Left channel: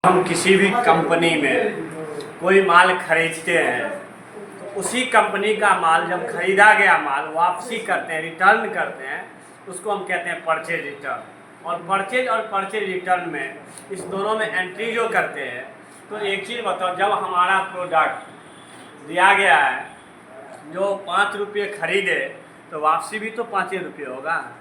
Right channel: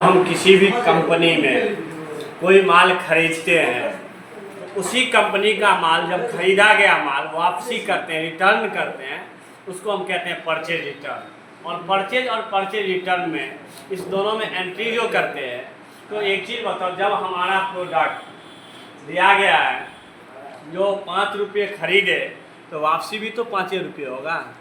हम किसी भी कंपनी में कोई माल खरीदते हैं, उसी कंपनी का माल जब खरीदा गया माल वापसी करते हैं, रिटर्न करते हैं, उसको हम कहते हैं परचेज रिटर्न। और परचेज रिटर्न में इस दोनों में एंट्री जो करते हैं, तो एक चीज़ बताओ, जब हमारा प्रोडक्ट दिया गया है जो 5 रुपये खरीदे तो वापसी भी तो 5 रुपये होगा।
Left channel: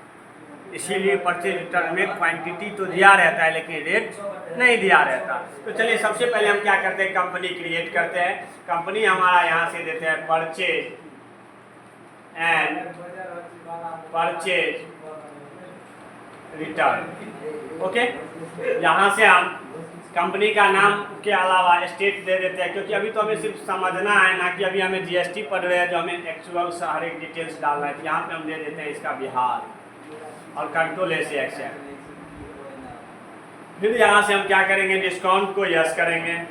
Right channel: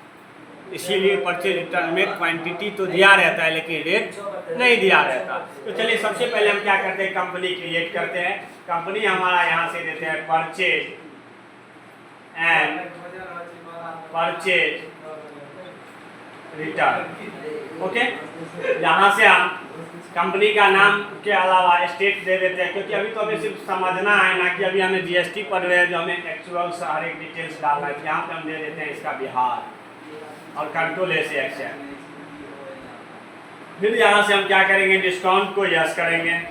इसीलिए परचेज रिटर्न में क्वांटिटी तो दिया रहता है लेकिन रेट नहीं दिया रहता। तो चलिए सबसे पहले हम क्या करते हैं, कंपनी क्रिएट करते हैं। कंपनी हमारा यहाँ से देते हैं purchase and purchase return. Okay, यहाँ से हम कंपनी का नाम के अलावा स्टेट दे देते हैं, क्योंकि अभी तो हमें सिर्फ समझना है ना कि अभी हमें जीएसटी पढ़ रहे हैं जो हमें एक्चुअल सारे डिटेल्स डालना है। यहाँ पे हम दे देते हैं इसका बिहार और कंट्रोल से एक्सेप्ट। फिर यहाँ से हम क्या करेंगे, डिस्काउंट को यस करेंगे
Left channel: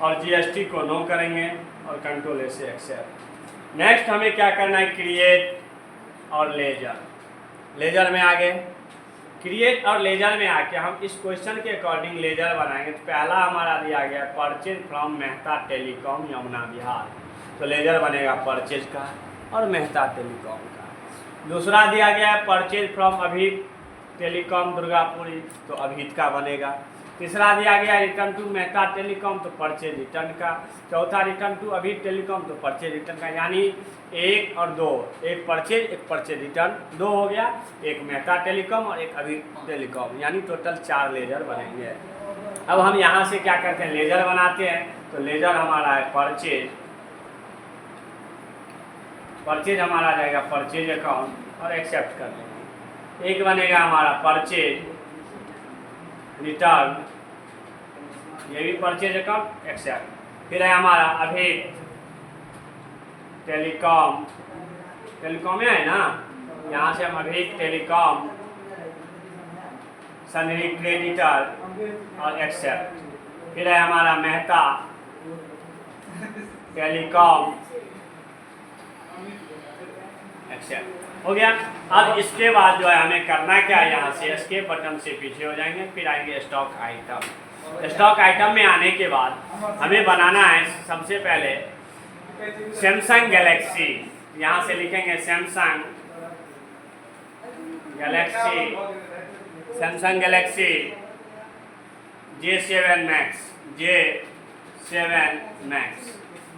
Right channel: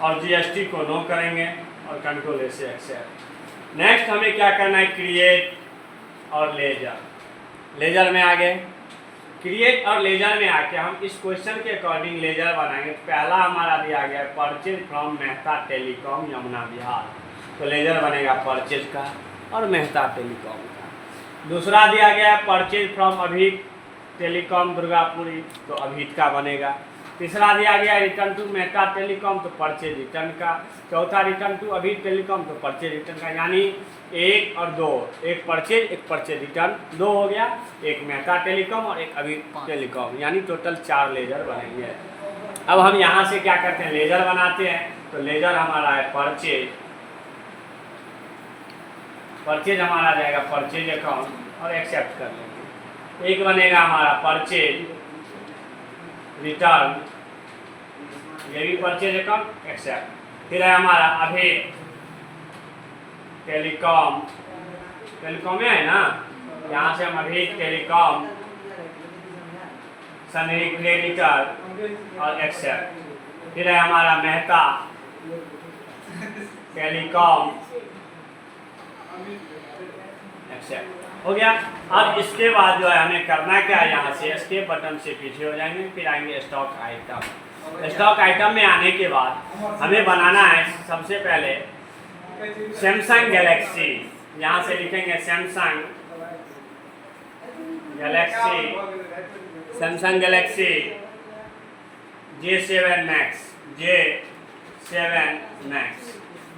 और जीएसटी को नो करेंगे और कंट्रोल से एक्सेप्ट। नेक्स्ट हमें क्या करना है, क्रिएट और लेजर में आ गए। क्रिएट और लेजर में आके हम इस क्वेश्चन के अकॉर्डिंग लेजर बनाएंगे। पहला हमारा दिया गया purchase from Mehta telecom Yamuna Bihar, तो लेजर बनेगा परचेज का और मेहता टेलीकॉम का। दूसरा दिया गया है purchase from Abhit telecom Durgapuri, तो अभित का बनेगा। तीसरा दिया गया रिटर्न टू मेहता टेलीकॉम, तो परचेज रिटर्न का। चौथा रिटर्न टू अभित टेलीकॉम, तो परचेज रिटर्न का। यानी 1 और 2, एक परचेज रिटर्न, 2 हो गया, एक मेहता टेलीकॉम और एक अभित टेलीकॉम, यानी टोटल 4 लेजर बनेंगे। अब हम यहाँ से क्या करते हैं, लेजर बनाते हैं। तो लेजर हमारा है परचेज हमारा आ जाएगा परचेज अकाउंट और एक्सेप्ट कर लेंगे। एक बनेगा हमारा परचेज रिटर्न, ये भी परचेज अकाउंट एक्सेप्ट। फिर है हमारा अभी टेलीकॉम में है ना, यहाँ से हम अभी टेलीकॉम क्रेडिटर और एक्सेप्ट। फिर है हमारा मेहता टेलीकॉम एक्सेप्ट, हो गया। अब इसके बाद जो है हमें करना क्या है, यहाँ से एस्केप बटन से पीछे हो जाएंगे, फिर आएंगे स्टॉक आइटम। स्टॉक आइटम में आने के बाद हमें बनाना है सबसे पहले सैमसंग गैलेक्सी। यहाँ से लिखेंगे सैमसंग गैलेक्सी J7 मैक्स।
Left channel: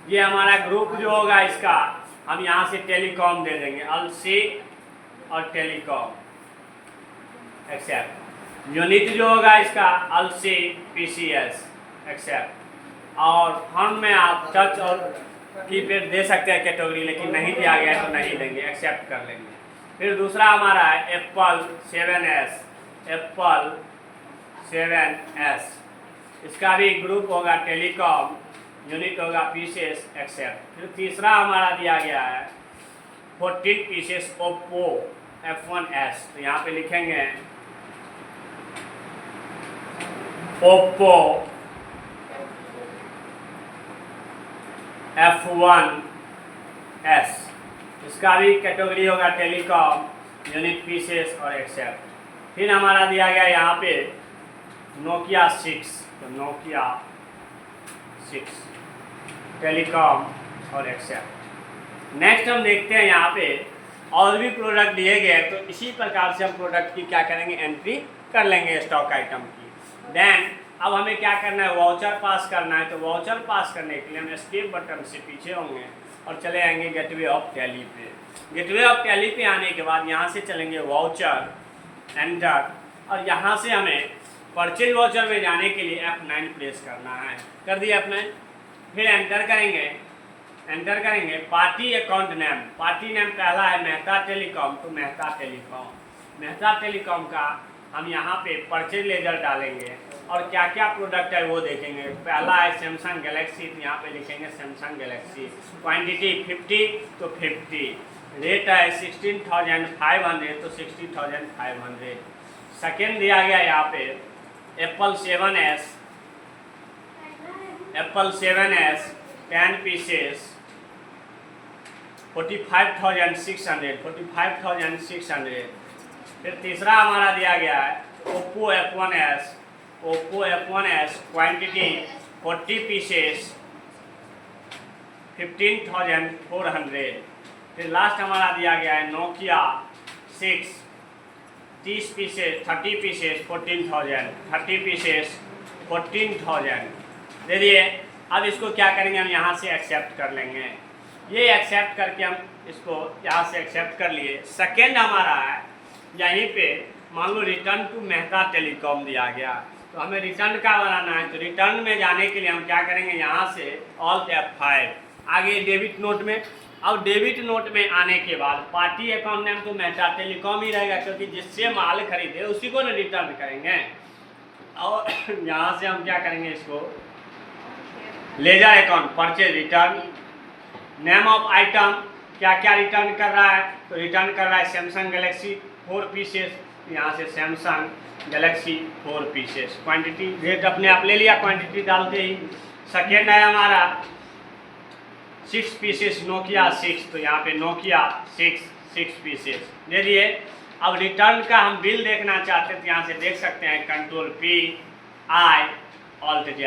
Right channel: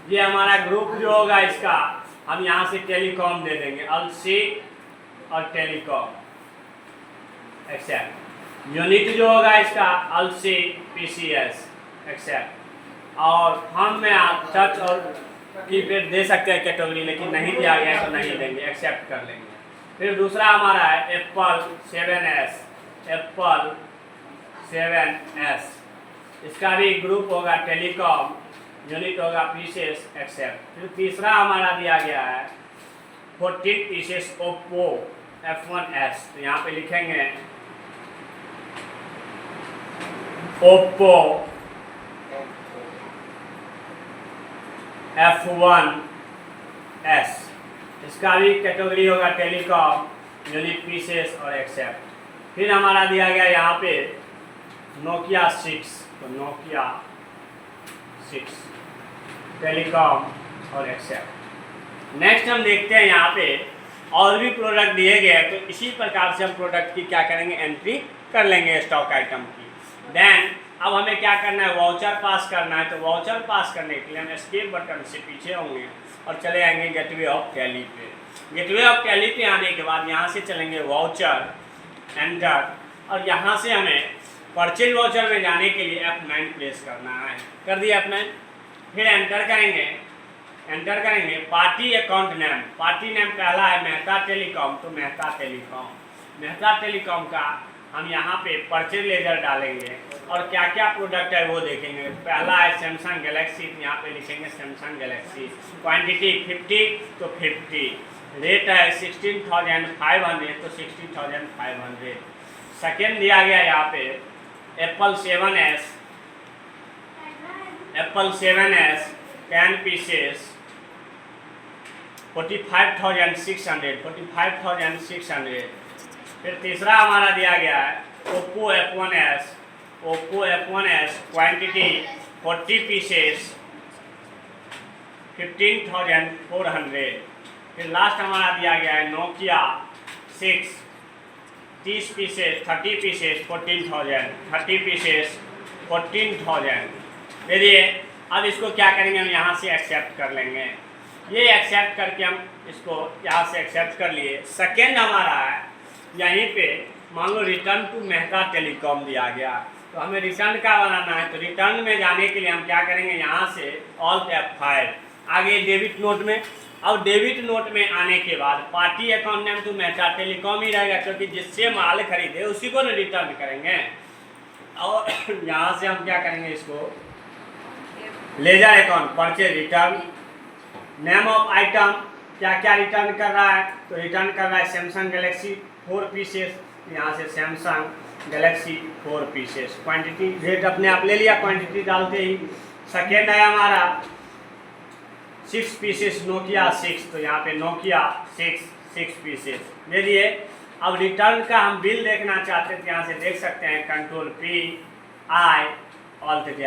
ये हमारा ग्रुप जो होगा इसका हम यहाँ से टेलीकॉम दे देंगे, अलसी और टेलीकॉम एक्सेप्ट। यूनिट जो होगा इसका अलसी PCS एक्सेप्ट। और फॉर्म में आप टच और कीपैड दे सकते हैं कैटेगरी, लेकिन नहीं दिया गया तो नहीं देंगे, एक्सेप्ट कर लेंगे। फिर दूसरा हमारा है एप्पल 7S, इसका भी ग्रुप होगा टेलीकॉम, यूनिट होगा पीसेस एक्सेप्ट। फिर तीसरा हमारा दिया गया है 14 पीसेस ओप्पो F1S, तो यहाँ पे लिखेंगे ओप्पो F1S, इसका भी कैटेगरी होगा टेलीकॉम, यूनिट पीसेस और एक्सेप्ट। फिर हमारा दिया गया यहाँ पे नोकिया 6, तो नोकिया 6 टेलीकॉम और एक्सेप्ट। नेक्स्ट हम देखते हैं यहाँ पे और भी प्रोडक्ट दिए गए हैं, तो इसी प्रकार से हम प्रोडक्ट की क्या करेंगे, एंट्री कर लेंगे स्टॉक आइटम की। देन अब हमें क्या करना है, वाउचर पास करना है। तो वाउचर पास करने के लिए हम एस्केप बटन से पीछे होंगे और चले आएंगे गेटवे ऑफ टैली पे। गेटवे ऑफ टैली पे आने के बाद यहाँ से चलेंगे वाउचर एंटर, और यहाँ से हमें परचेज वाउचर में जाने के लिए F9 प्रेस करना है। कर दिया F9, फिर एंटर करेंगे party account name. Party name पहला है मेहता टेलीकॉम, तो मेहता टेलीकॉम का हम यहाँ पे परचेज लेजर डालेंगे और क्या क्या प्रोडक्ट है वो देखेंगे। पहला है सैमसंग गैलेक्सी, तो यहाँ पे लिखेंगे सैमसंग गैलेक्सी। क्वांटिटी 50, तो 50। रेट है 16,500, तो 16,500। सेकेंड दिया गया यहाँ पे एप्पल 7S 10 पीसेस 45,600। फिर तीसरा हमारा दिया गया है ओप्पो F1s क्वांटिटी 40 पीसेस 15,400। फिर लास्ट हमारा दिया गया है नोकिया 6 30 पीसेस 30 पीसेस 14,000 30 पीसेस 14,000 दे दिए। अब इसको क्या करेंगे, हम यहाँ से एक्सेप्ट कर लेंगे। ये एक्सेप्ट करके हम इसको यहाँ से एक्सेप्ट कर लिए। सेकेंड हमारा है यहीं पे, मान लो रिटर्न टू मेहता टेलीकॉम दिया गया, तो हमें रिटर्न का बनाना है। तो रिटर्न में जाने के लिए हम क्या करेंगे, यहाँ से ऑल्ट F5 आगे डेबिट नोट में। और डेबिट नोट में आने के बाद पार्टी अकाउंट नेम तो मेहता टेलीकॉम ही रहेगा, क्योंकि जिससे माल खरीदे उसी को ना रिटर्न करेंगे। और यहाँ से हम क्या करेंगे, इसको ledger account purchase return, name of item क्या क्या रिटर्न कर रहा है, तो रिटर्न कर रहा है सैमसंग गैलेक्सी 4 पीसेस। यहाँ से Samsung Galaxy 4 pieces, quantity rate अपने आप ले लिया क्वांटिटी डालते ही। सेकेंड है हमारा 6 पीसेस नोकिया 6, तो यहाँ पे नोकिया 6 पीसेस दे दिए। अब रिटर्न का हम बिल देखना चाहते थे, यहाँ से देख सकते हैं कंट्रोल P ऑल्ट Z,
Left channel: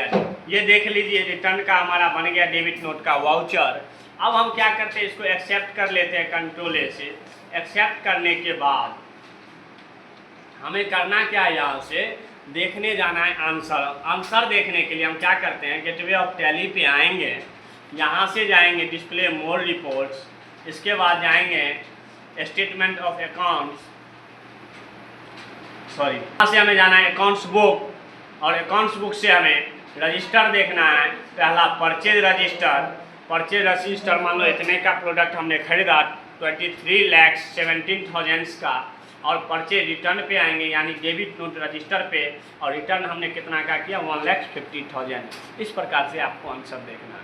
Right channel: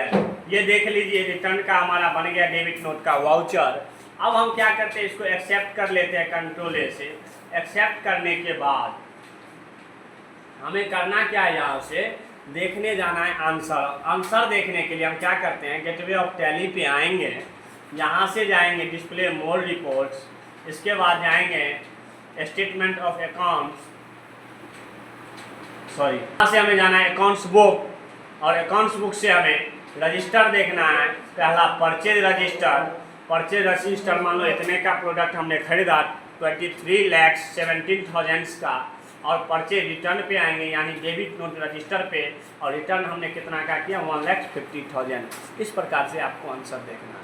ये देख लीजिए रिटर्न का हमारा बन गया डेबिट नोट का वाउचर। अब हम क्या करते हैं, इसको एक्सेप्ट कर लेते हैं कंट्रोल A से। एक्सेप्ट करने के बाद हमें करना क्या है, यहाँ से देखने जाना है आंसर। आंसर देखने के लिए हम क्या करते हैं, गेटवे ऑफ टैली पे आएंगे, यहाँ से जाएंगे डिस्प्ले मोर रिपोर्ट्स, इसके बाद जाएंगे स्टेटमेंट ऑफ अकाउंट्स, यहाँ से हमें जाना है अकाउंट्स बुक, और अकाउंट्स बुक से हमें रजिस्टर देखना है। पहला परचेज रजिस्टर, मान लो इतने का प्रोडक्ट हमने खरीदा 23,17,000 का, और परचेज रिटर्न पे आएंगे यानी डेबिट नोट रजिस्टर पे, और रिटर्न हमने कितना का किया 1,50,000। इस प्रकार से आपको आंसर देखना है।